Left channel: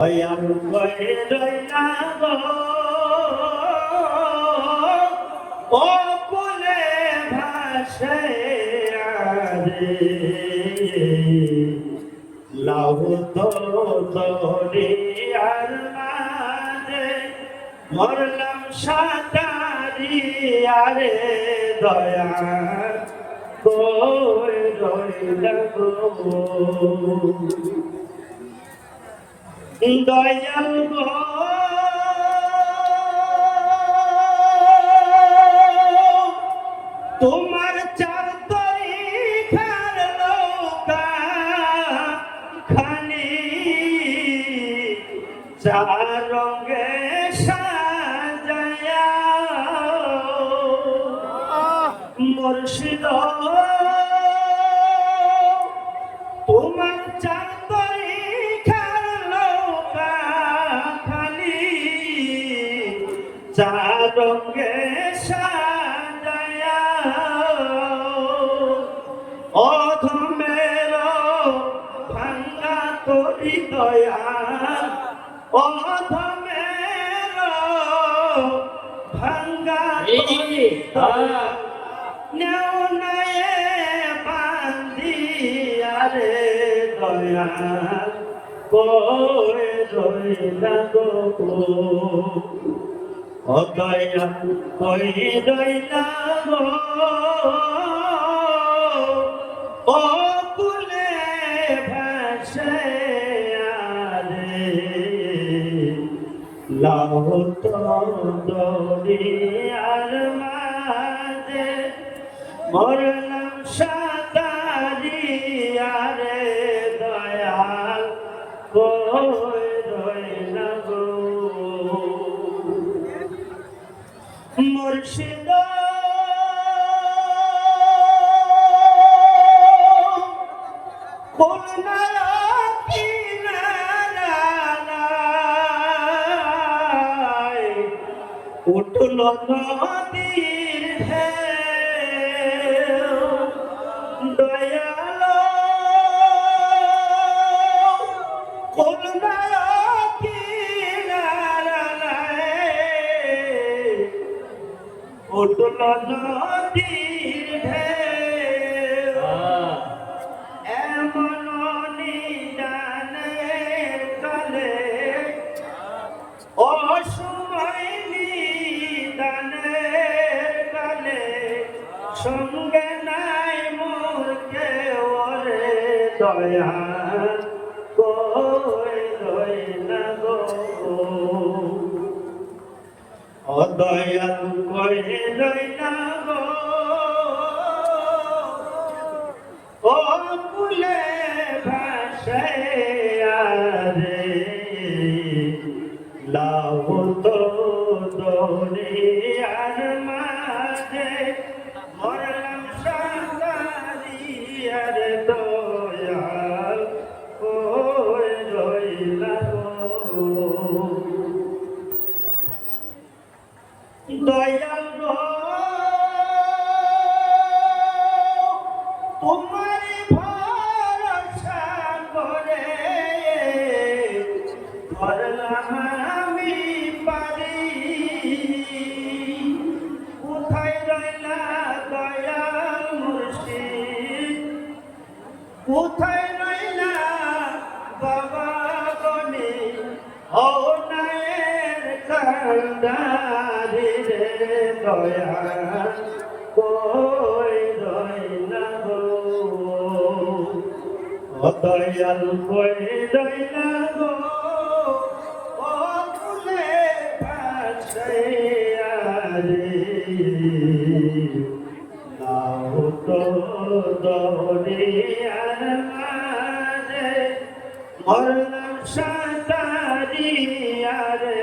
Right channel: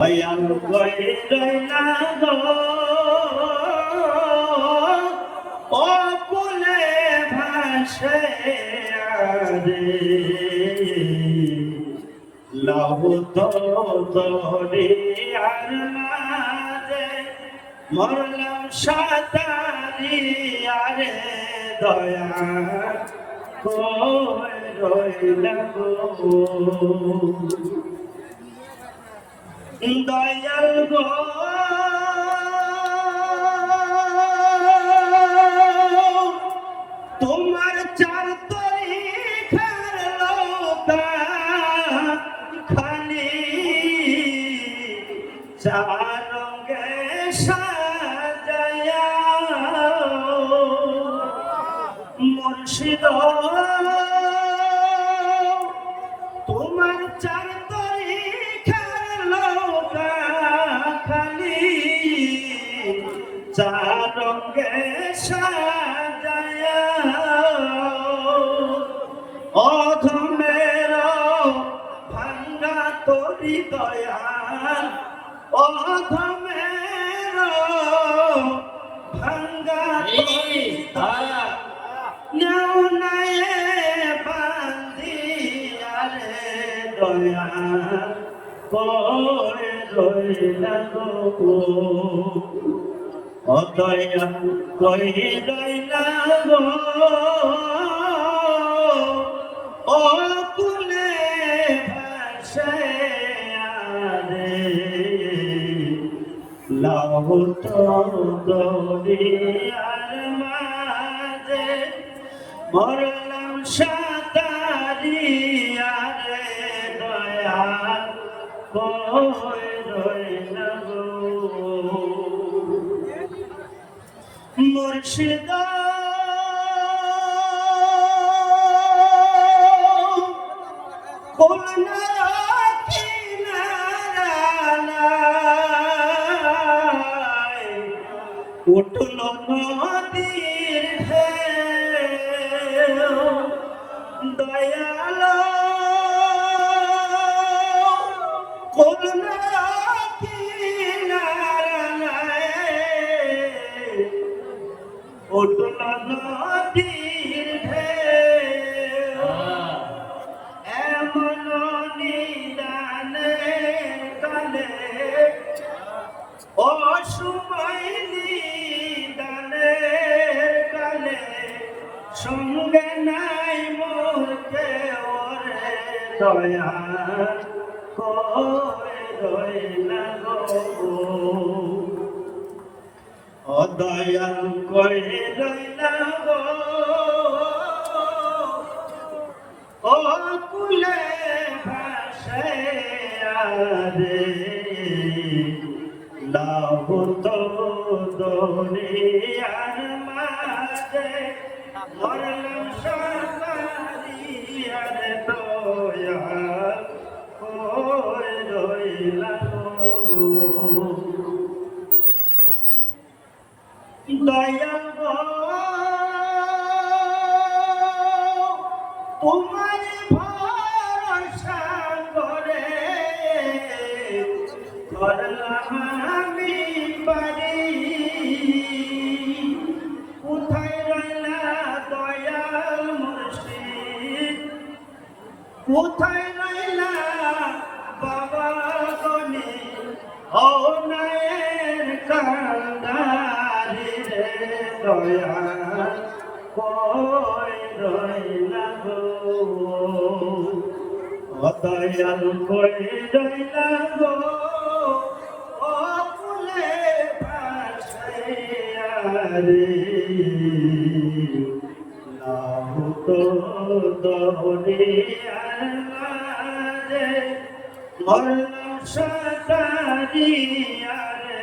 দয়াল কইরে না গো অকুলে ভাসে আরে লাভ তো দরিয়ার মাঝে মরলাম সাঁতারি আরে দয়াল কই রইলা গো দয়াল গো তোমার চার তরিখার নৌকা খালি চার রঙে সাজায়া মুর্শিদ তোমার চার চার রঙে সাজায়া অধমের ভাঙ্গা করি দয়াল অধমের ভাঙ্গা করি দয়াল নেউনায়ে বান্দিয়া রে দয়াল কই রইলা গো দয়াল কই রইলা গো অকুলে ভাসে আরে লাহুত দরিয়ার মাঝে মরলাম সাঁতারি আরে দয়াল কই রইলা গো মুর্শিদ কোনারা কিনারায় উঠল নদীর ঢেউ দয়াল কোনারা উঠল নদীর ঢেউ এমন নিদানে কালে অসময় নিদানে কালে সঙ্গে নাই মোর কেউ রে দয়াল কই রইলা গো দয়াল কই রইলা গো অকুলে ভাসে আরে লাভ তো দরিয়ার মাঝে মরলাম সাঁতারি আরে দয়াল কই রইলা গো দয়াল গো তোমার ভরসা করে করলাম আমি পারি কোথায় রইলা দয়াল মুর্শিদ কোথায় রইলা বাবা গনি হনায়ের কান্দারি রে দয়াল কই রইলা গো দয়াল কই রইলা গো অকুলে ভাসে আরে লাহুত দরিয়ার মাঝে মরলাম সাঁতারি আরে